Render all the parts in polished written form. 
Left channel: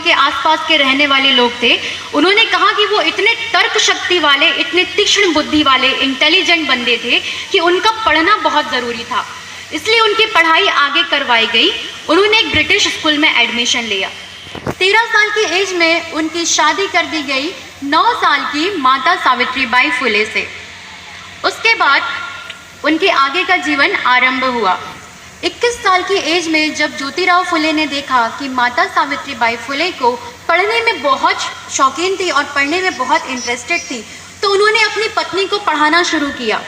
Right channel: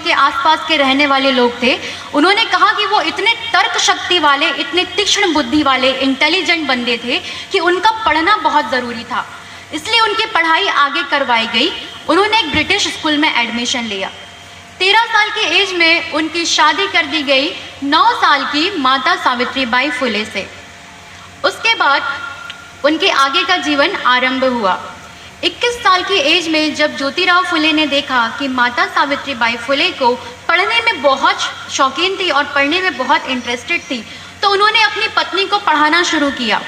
उनके आसपास के रहने वाले लोग थे, उन्होंने कहा कि वो इतने तर्क शक्ति वाले, इतने तीक्ष्ण बुद्धि वाले, इंटेलिजेंट बंदे थे कि उनका पढ़ना बहुत ज़रूरी था। इसलिए उनकी पढ़ाई आगे करवाई गई। उन्होंने एक ब्रिटिश स्कूल में एडमिशन लिया। 13 साल की एज में उनकी शादी कर दी गई 9 साल की माता सावित्रीबाई फुले से। उसके बाद उनके आगे का जीवन आरंभ हुआ। 21 साल की एज में जब ज्योतिराव फुले ने देखा कि माता सावित्रीबाई फुले को पढ़ने में बहुत शौकीन थी और पढ़ने में बहुत इंटरेस्टेड थी, तो उन्होंने अपनी पत्नी को पढ़ाना शुरू किया।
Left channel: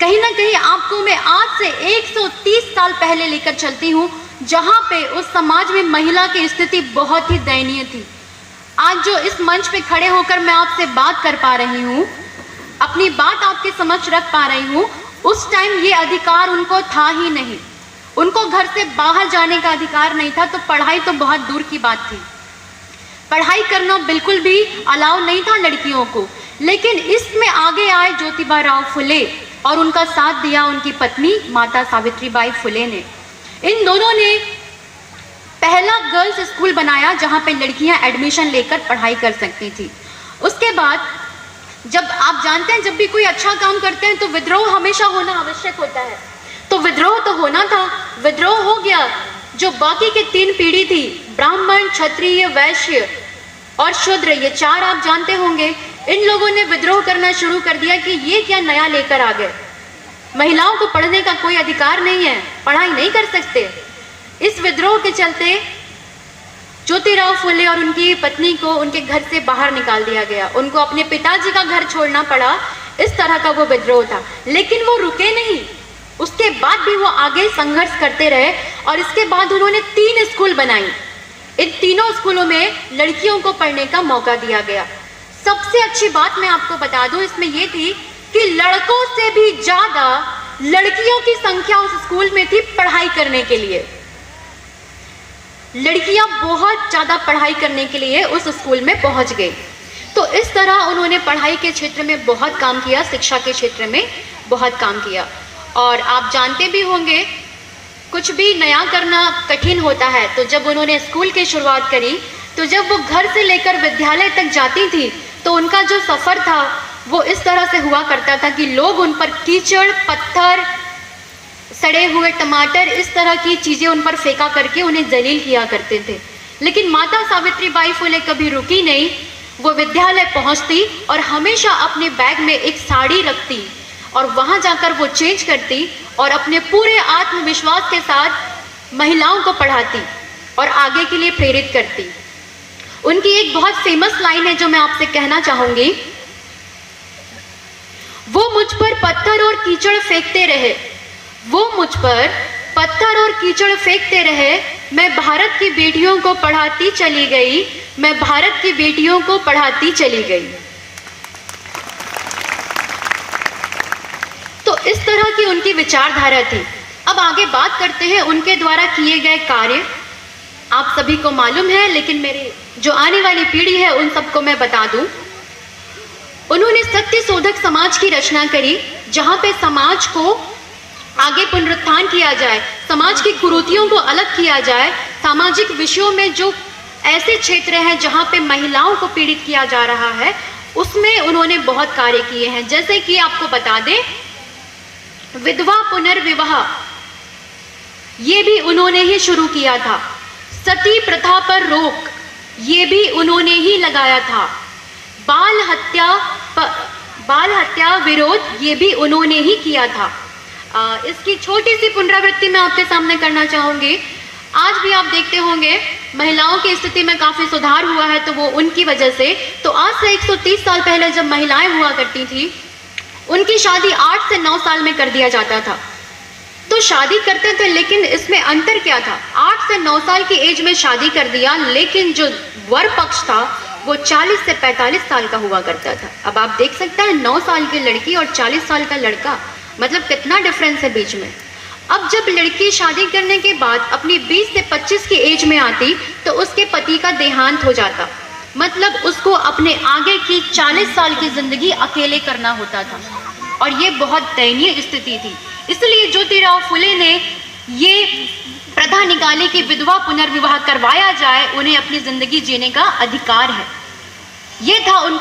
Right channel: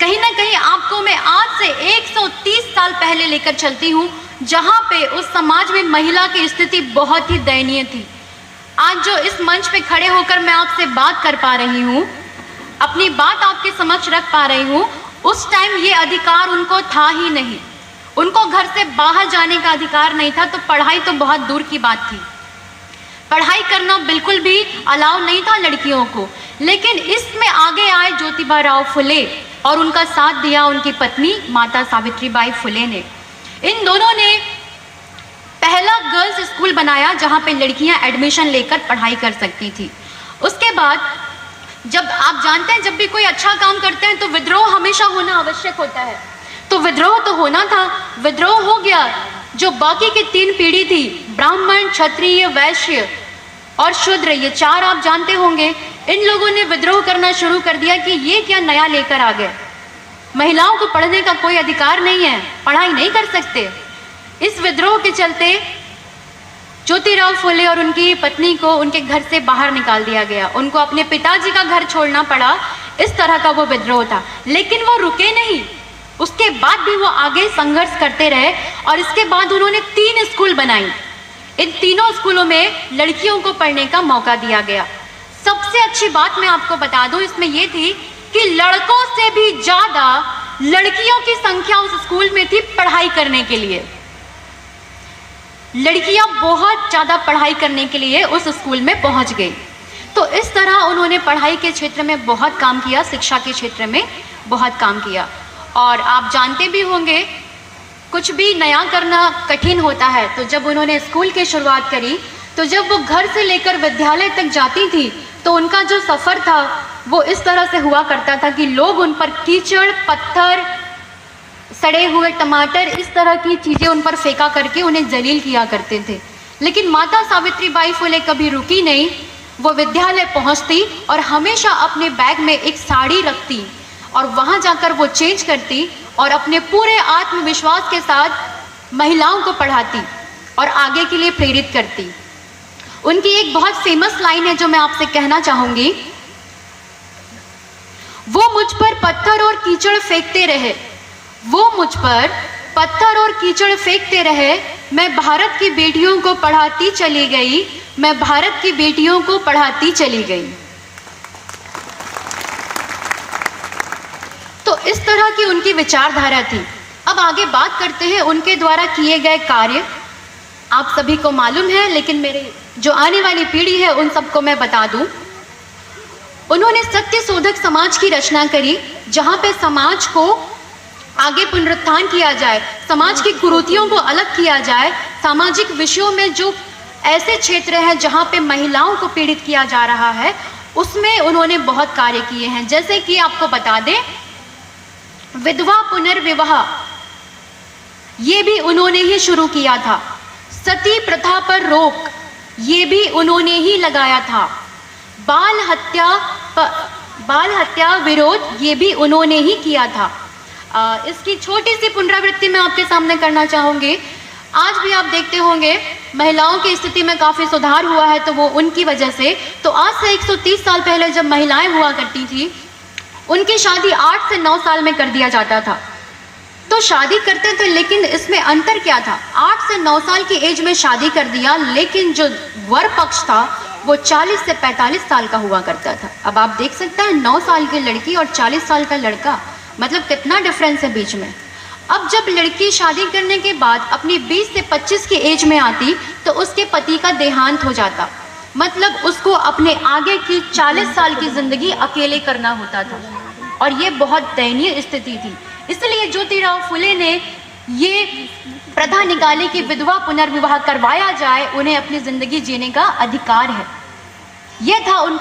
कहीं ना कहीं आपको मैं आज से 130 साल पहले लेकर चलती हूँ, जहाँ पे उस समाज में महिला की स्थिति बहुत ही दयनीय थी। आज जो इस मंच पे खड़े होकर मैं आपसे बात कर पा रही हूँ, अपनी बात आपके समक्ष रख पा रही हूँ, उस टाइम ये अधिकार उनको था ही नहीं। उनको घर से बाहर जाने का अधिकार नहीं था, तो पढ़ाई तो बहुत दूर की बात थी। पढ़ाई करना बिल्कुल भी अलाउ नहीं था लड़कियों को। लेकिन इसमें आगे आए ज्योतिबा राव फुले और उनका साथ दिया उनकी पत्नी माता सावित्रीबाई फुले ने। इन दोनों ने पहला गर्ल्स स्कूल बनाया जहां पे लड़कियां एडमिशन लेकर पढ़ाई कर सकती थी। उसके बाद जब आप जानते हैं, जब भी कोई अच्छा काम करते हैं तो विद्रोह हमेशा होना आवश्यक होता है। तो विद्रोह तो होना था, विद्रोह हो गया। जो बाकी की 3 पीढ़ी थी, ब्राह्मण, क्षत्रिय, वैश्य और शूद्र, ये 4 आप जानते होंगे, इन लोगों ने विद्रोह करना शुरू कर दिया कि ये क्या नया लेकर आ गए, महिलाओं को पढ़ने का कोई अधिकार नहीं है, पढ़ाई नहीं कर सकते। इस विद्रोह के चलते ज्योतिराव फुले और उनकी पत्नी को उनके घर से बाहर निकाल दिया गया। उनको अपने पिताजी का घर छोड़ना पड़ा। इस तरह का वो विद्रोह था। लेकिन वो रुके नहीं, उसके बाद भी वो आगे संघर्ष करते रहे और इसके बाद उन्होंने 3 स्कूल बनाई। इन तीनों स्कूलों में लड़कियों को पढ़ने का मौका दिया गया। सबसे अच्छी बात मैं आपको बता दूं इसमें ये थी कि लड़कों से भी ज्यादा लड़कियों की संख्या उस स्कूल में थी पढ़ाई करने के लिए। लड़कियां बहुत ज्यादा पढ़ाई करने के लिए उस स्कूल में पहुंच गई। तो इस तरह उन्होंने पढ़ाई के क्षेत्र में बहुत काम किया, शिक्षा के क्षेत्र में बहुत काम किया। और आप जानते भी होंगे, कुछ भी नया करना कठिन होता है। तो जब उन्होंने स्कूल की शुरुआत करी, तो जब वो घर से लेकर विद्यालय तक जाती थी, तो उनका जो सफर था वो इस तरह से हुआ करता था कि लोग उन पर कीचड़, पत्थर, सड़े हुए टमाटर, इस तरह की चीजें उन पर फेंका करके उन्हें जलील किया करते थे। लेकिन माता सावित्रीबाई फुले कभी रुकी नहीं। वो विद्यालय पहुंचती और हमेशा अपने बैग में एक साड़ी रखती और वहां जाकर वो चेंज करती और अपने पूरे आत्मविश्वास के साथ महिलाओं को पढ़ाती और आगे के लिए प्रेरित करती। उनकी एक बहुत फेमस लाइन है जो मैं आपसे कहना चाहूंगी, वो मुझ पर पत्थर और कीचड़ फेंकते रहे, वो मुझ पर पत्थर और कीचड़ फेंकते रहे, मैं भारत की बेटियों को पढ़ाती चली गई, मैं भारत की बेटियों को पढ़ाती चली गई। तो इस तरह की उनकी विचारधारा थी। अब आगे बात करते हैं उनके द्वारा किए गए कार्य। आप सभी को मालूम है, लेकिन मेरे जो आने वाली पीढ़ी है उन सबको मैं बता दूं। उन्होंने सत्य शोधक समाज की रचना करी, जहां पे समाज को आगे पुनरुत्थान किया जाए, समाज की कुरीतियों को अलग किया जाए। सामाजिक विषयों में जो ऐसे क्षेत्र हैं जहां पे महिलाओं को पीड़ित किया जा रहा है, उसमें उन्होंने बहुत कार्य किए हैं। जैसे कि आपको बता दें, विधवा पुनर्विवाह, ये भी उन्होंने ही शुरू किया था। सती प्रथा पर रोक, ये भी उन्होंने ही लगाया था। बाल हत्या विरोध, ये भी उन्होंने ही किया था। इसकी छोटी सी पुनरावृत्ति मैं आपके सामने करना चाहूंगी। आज भी आप देखते होंगे महिलाओं की स्थिति में काफी सुधार हुआ है, तो वो उनकी वजह से। तो आज से 130 साल पहले जब महिलाएं हुआ करती थी, उनकी शादी 8 से 9 साल में कर दिया जाता था। तो शादी करते थे, लेकिन इसमें अंतर क्या था? 8 से 9 साल की एज में शादी कर दिया, लेकिन जो वर पक्ष था वो 40 से 45 साल का हुआ करता था। अब आप देख सकते हैं 9 साल की लड़की और 40 साल का लड़का, मतलब कितना डिफरेंस है बीच में। अब जब लड़की शादी करने के बाद अपनी 20 से 25 की एज में आती, तो उसके पति का देहांत हो जाता, मतलब उसको अपने आगे की 40 साल की जिंदगी अकेले करना होता था। और ये बहुत दयनीय स्थिति थी। इसलिए ज्योतिराव फुले ने ये प्रथा निकाली कि विधवा पुनर्विवाह करवाया जाए, उन्हें अपनी जिंदगी जीने का अधिकार है। ये था उनका